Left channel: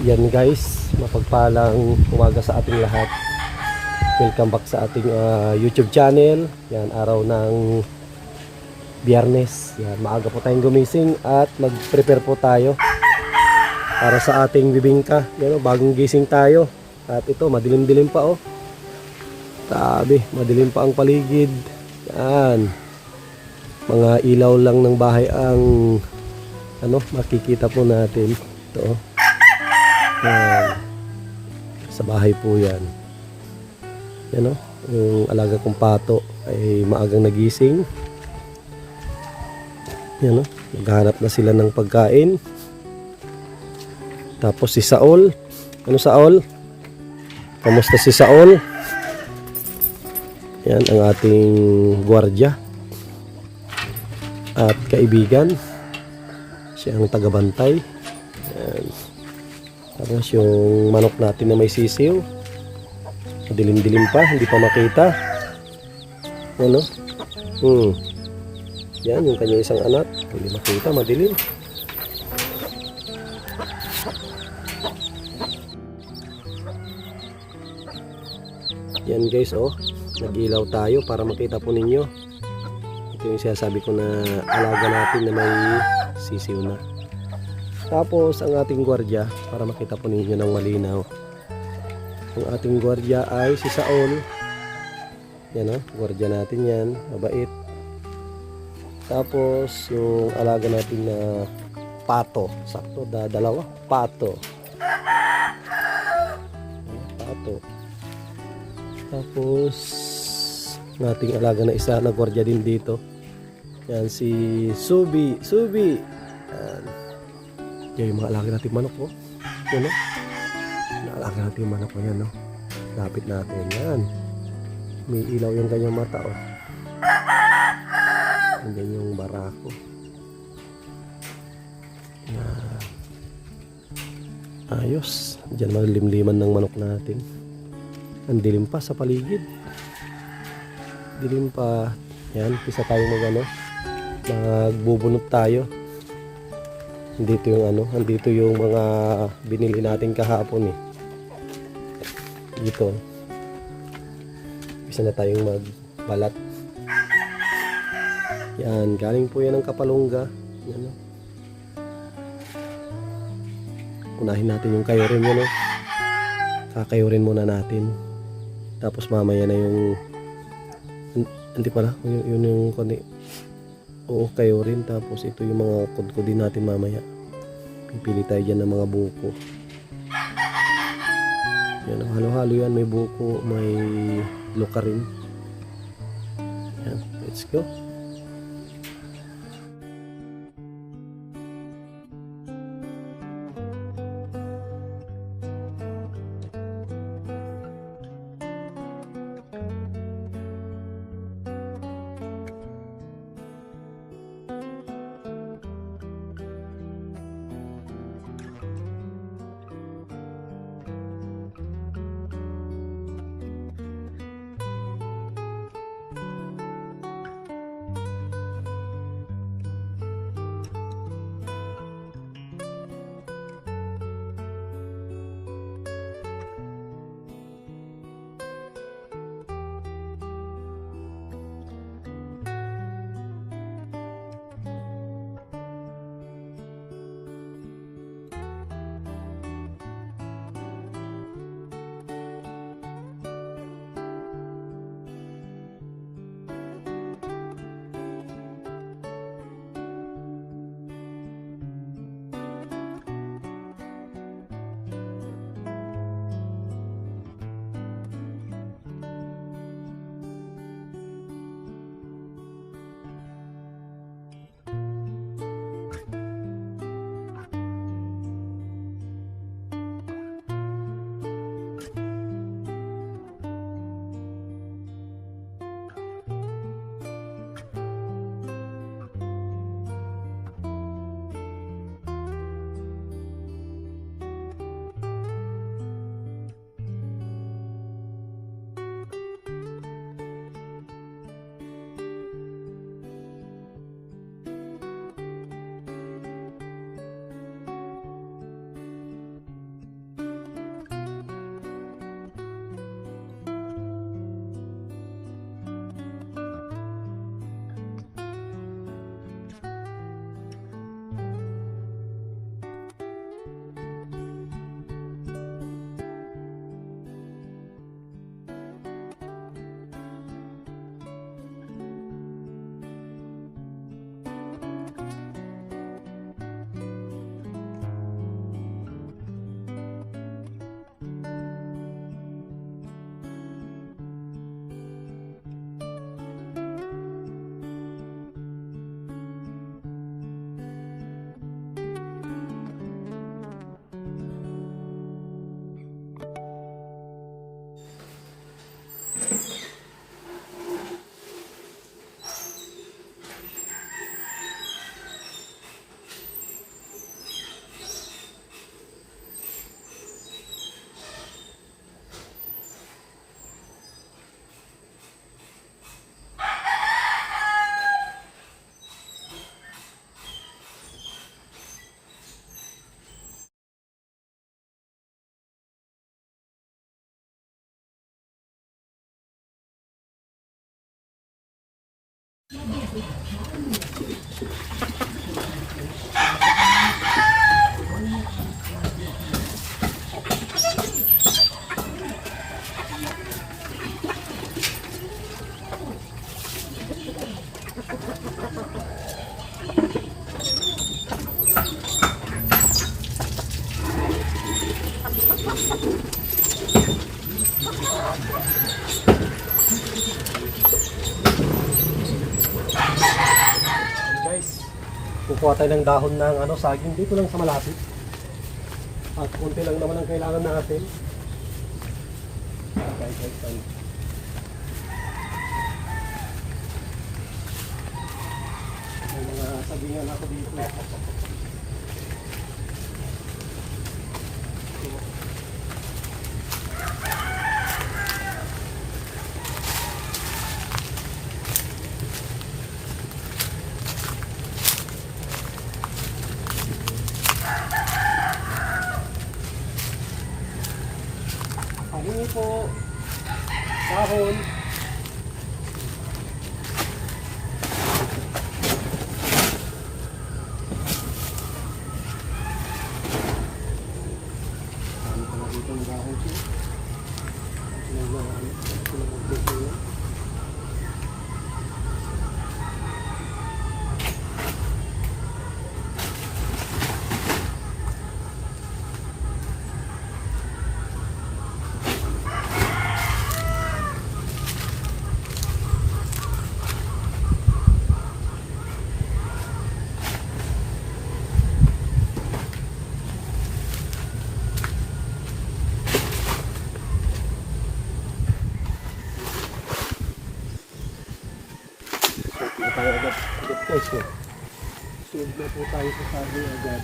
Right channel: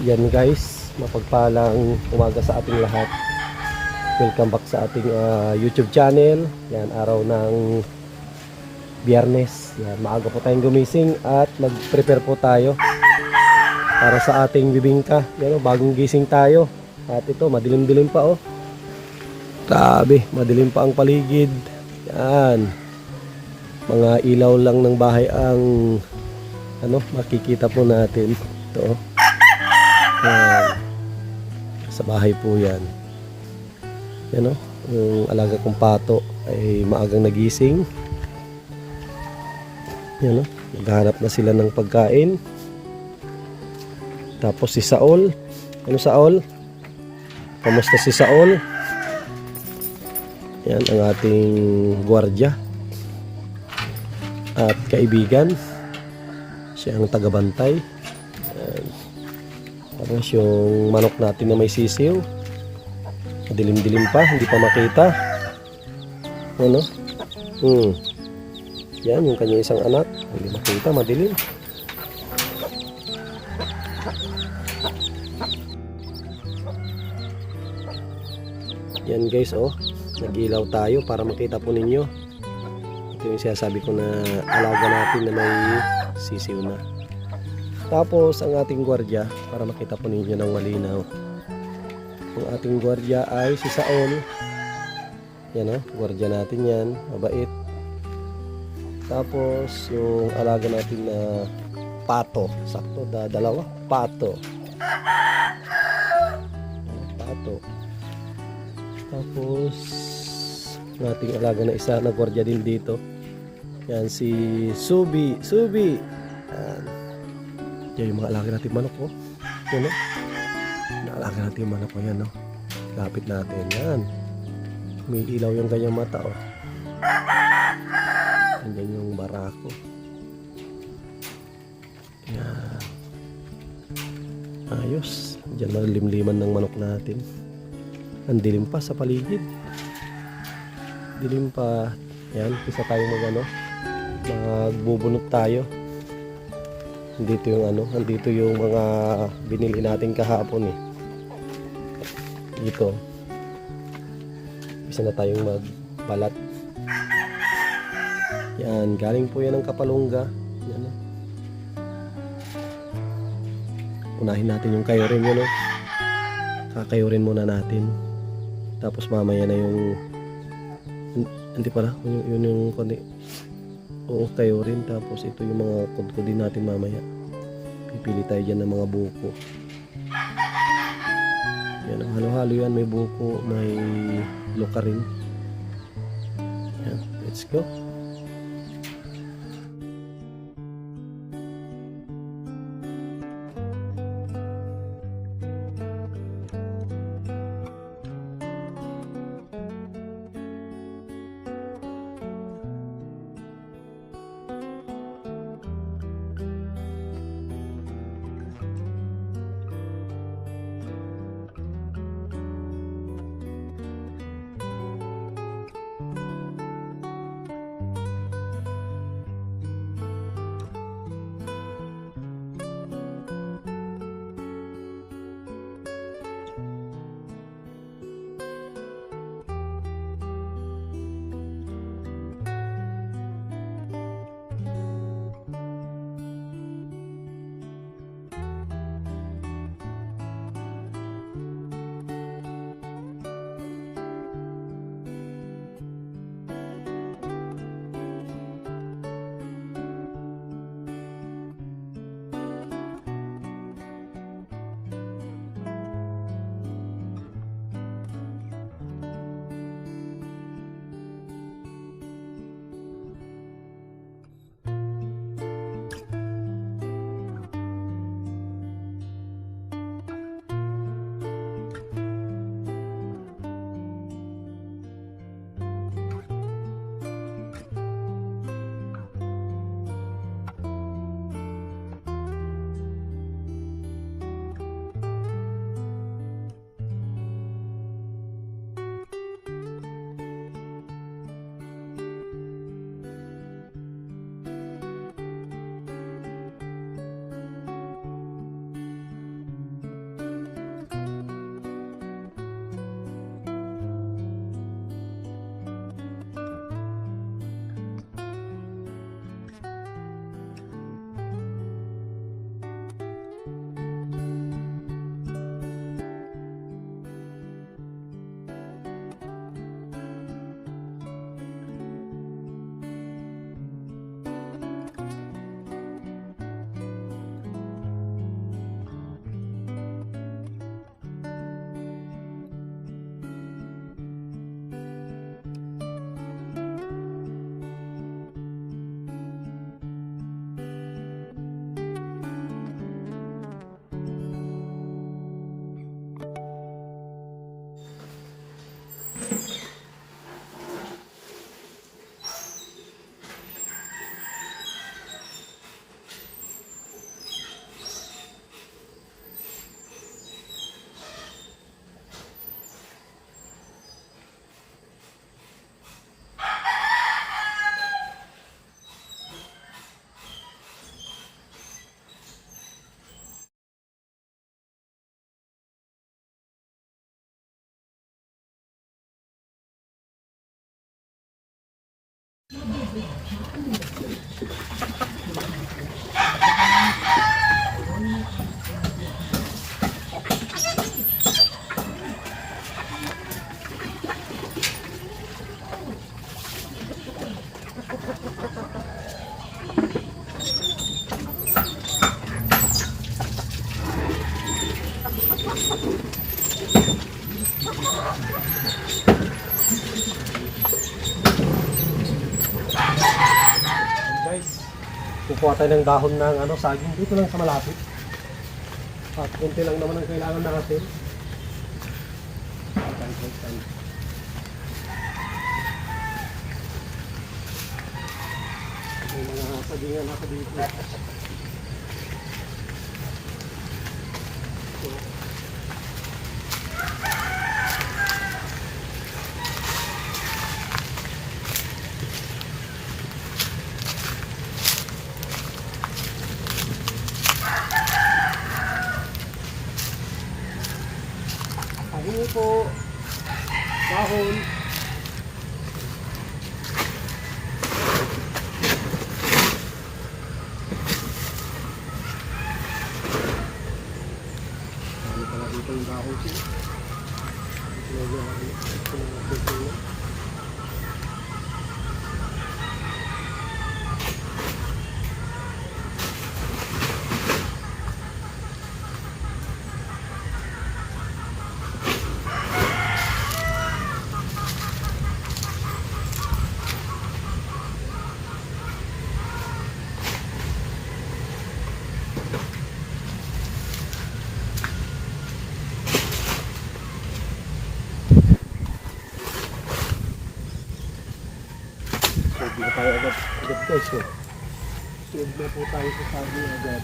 Yan guys, mapagpalang umaga sa ating lahat. Welcome back sa ating YouTube channel. Yan, araw ng Biyernes. Yan, maaga po tayong gumising at mag-prepare po tayo para sa ating bibingka. Yan, bagong gising tayo. At ito, madilim-dilim pa oh. Grabe, madilim pa ang paligid. Yan. Mga ilaw lang ng bahay ang makikita po natin. Ito oh. Yan. Sa bahay po yan. Yan o. Yung alaga kong pato ay maagang nagising. Yan o. Maghanap na sila ng pagkain. Tapos si Saul. Ano Saul? Kamusta si Saul? Yan ang ating gwardiya at kaibigan. Siya ang tagabantay. Yan. Tapos yung manok natin na may sisiw, dilim-dilim pa, hindi pa makita. Ano? Yan yung kanyang isang anak, hindi makita, madilim. Yan guys, oh, nag-ilaw tayo para makita po ninyo. Ito yung sinasabi ko na alaga natin na may sisiw na. Tapos ang ating gwardiya, para makita po ninyo ng malinaw, ang ating gwardiya ay si Saul. Yan o, gwardiya natin yan, mabait. Tapos yung alaga natin na pato, sakto, dalawa, pato. Pato. Tapos ang ating alaga na isa na gwardiya din dito. Yan si Subi. Yan. Yan yung mga alaga natin manok oh. Yan oh. Naalaga natin yung manok oh, yan oh. Lapit natin yan. May ilaw yung kanyang mata oh. Yan yung barako. Yan. Ayos. Diyan malimliman ng manok natin. Ang dilim pa sa paligid. Dilim pa. Yan, pisa tayo magbubunot tayo. Andito yung andito yung mga binili natin kahapon eh. Dito. Bisa na tayong magbalat. Yan, galing po yan ng Kapalungga. Yan oh. Unahin natin yung kayorin yan oh. Kakayurin muna natin. Tapos mamaya na yung hindi pala, yun yung kundi. Oo, kayurin. Tapos ito yung mga kudkudin natin mamaya. Pipili tayo dyan ng mga buko. Yan, halo-halo yan. May buko, may luka rin. Yan, let's go. Guys, kukuha tayo ng dahon ng saging dito lang sa malapit. At kunti lang naman ang kailangan natin. Okay. May mga sagingan ako dito. Ano po? Dahon. Ano pala dito yung dahon siya? Hindi na tayo agad guys. Sunod na po tayo sa saging agad.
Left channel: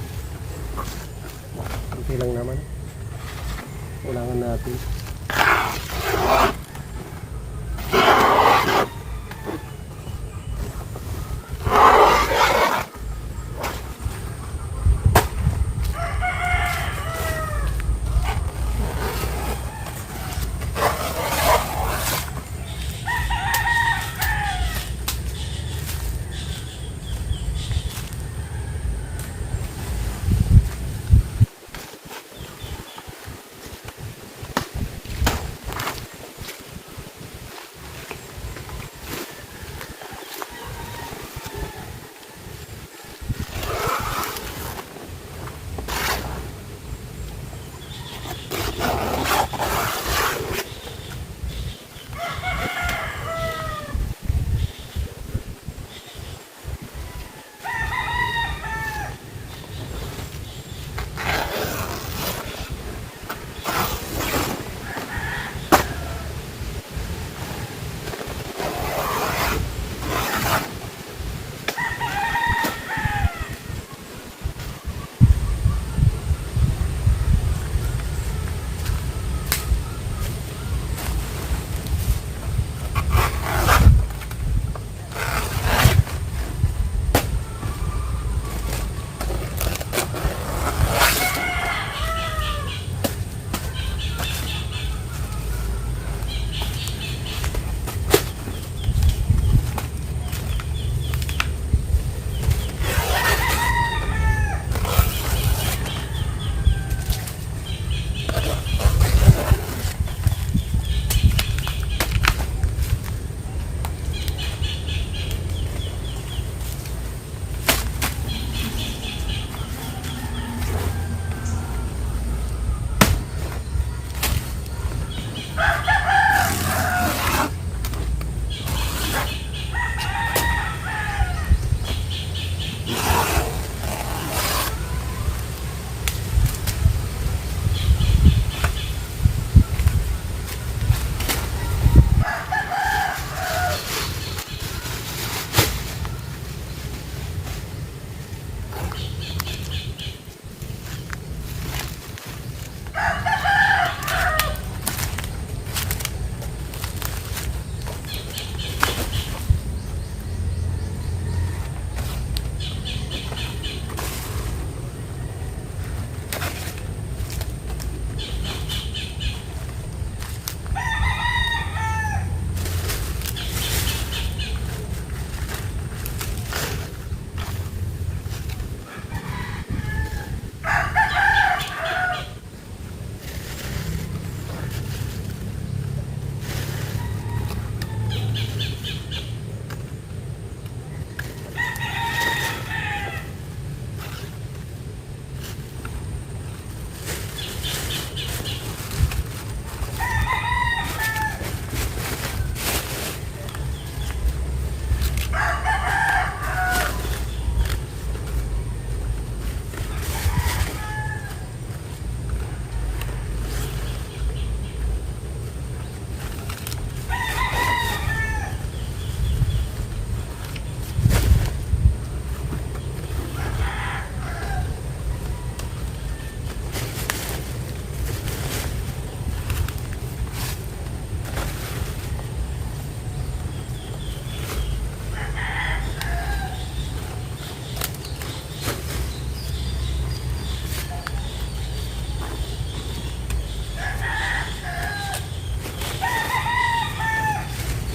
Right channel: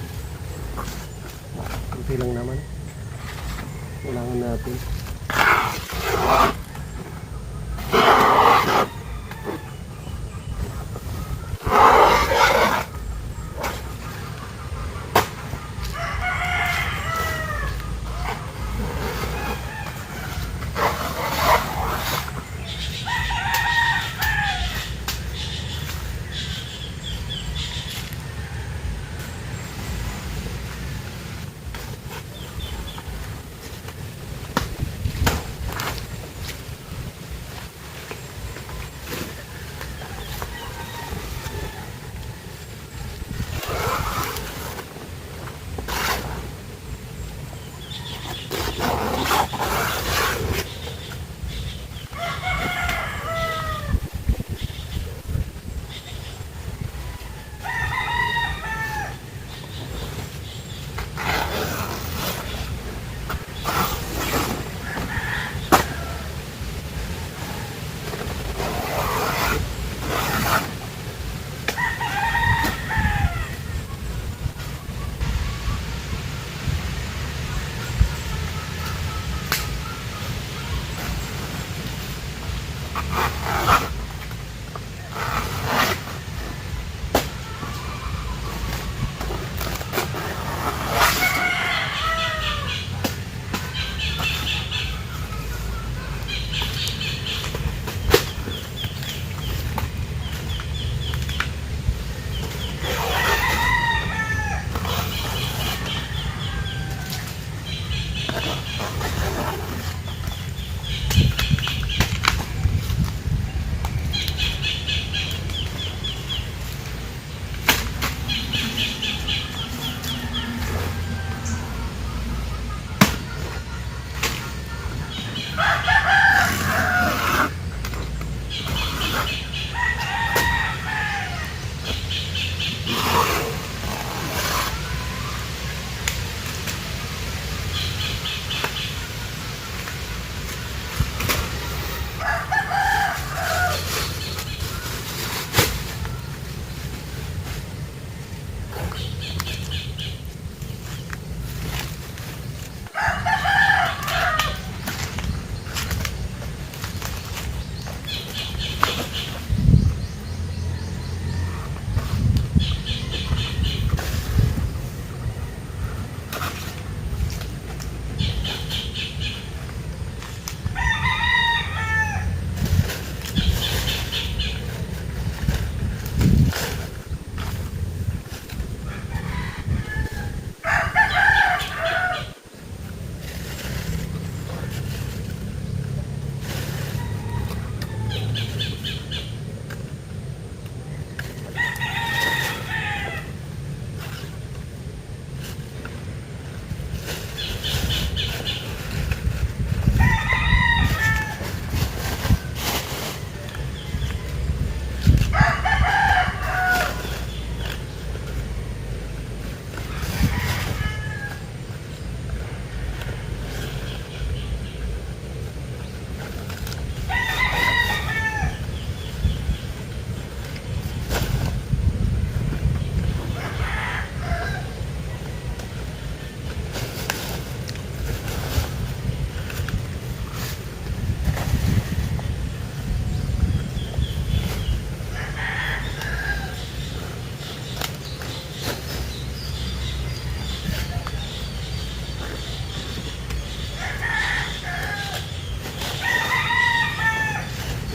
Kunti lang naman. Kailangan natin.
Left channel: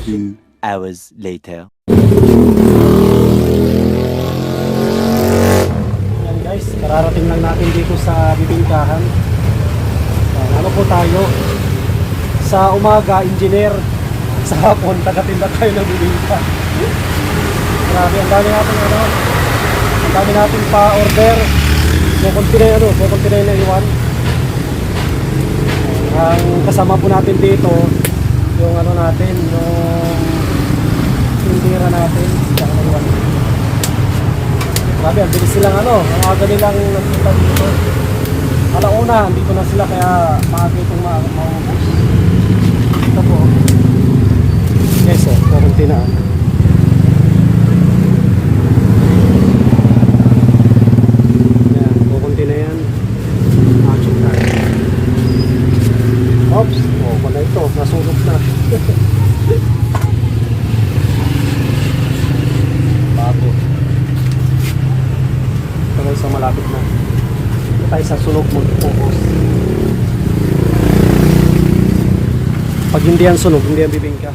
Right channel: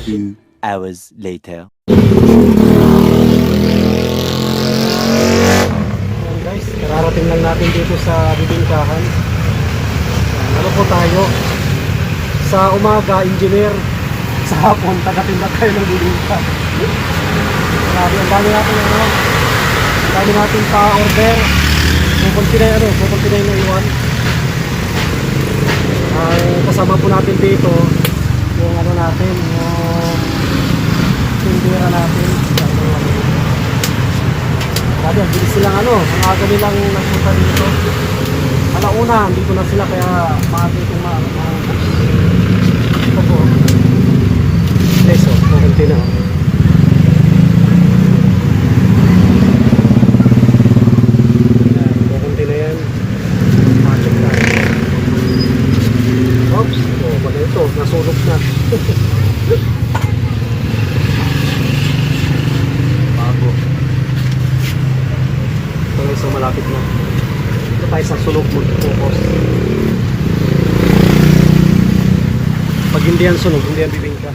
2 hours later. Yan guys, kararating lang natin dito sa bibingkahan. Yan, ano po tayo? Sa umaga, engineer. Sa hapon, taga-tinda tayo ng bibingka. Grabe, ang dami natin ano. Ang dami natin pa-order. Kukunti na yung iwan. Ang kasama po natin dito, yung ano natin, yung tindera natin. Grabe, ang bilis silang ano, ang aga nilang nagpunta dito. Alauna, dito na sila kaya maaga itong ito po. Peso, kukunti na. Kukunti na yan. Machok na. Oops, wala ito, nasulok na. Bago. Ito guys, so malapit na. Ito tayo sa sunog mo, focus. Pag hindi yan sunog, hindi yan bibingka.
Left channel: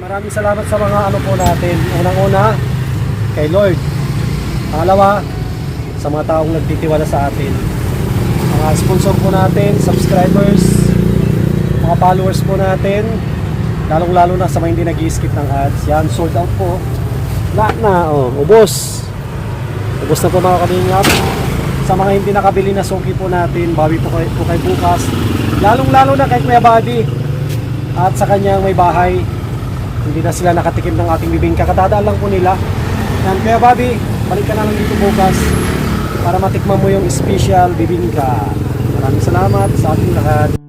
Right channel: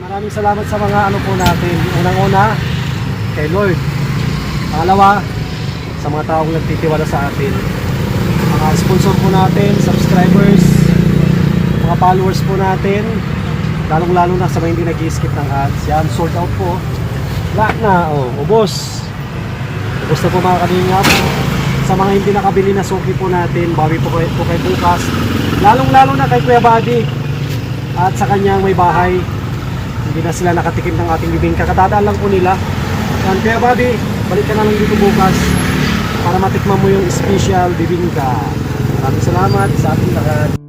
Maraming salamat sa mga ano po natin. Unang-una, kay Lord. Pangalawa, sa mga taong nagtitiwala sa atin. Mga sponsor po natin, subscribers, mga followers po natin. Lalong-lalo na sa mga hindi nag-i-skip ng ads. Yan, sold out po. Lahat na, ubos. Ubos na po mga kalingap. Sa mga hindi nakabili na suki po natin, bawi po kay bukas. Lalong-lalo na kay Kuya Buddy. At sa kanyang may bahay. Hindi na sila nakatikim ng ating bibingka. Katadaan lang po nila. Yan, kaya Bobby, balik ka na lang dito bukas para matikman mo yung special bibingka. Maraming salamat sa ating lahat.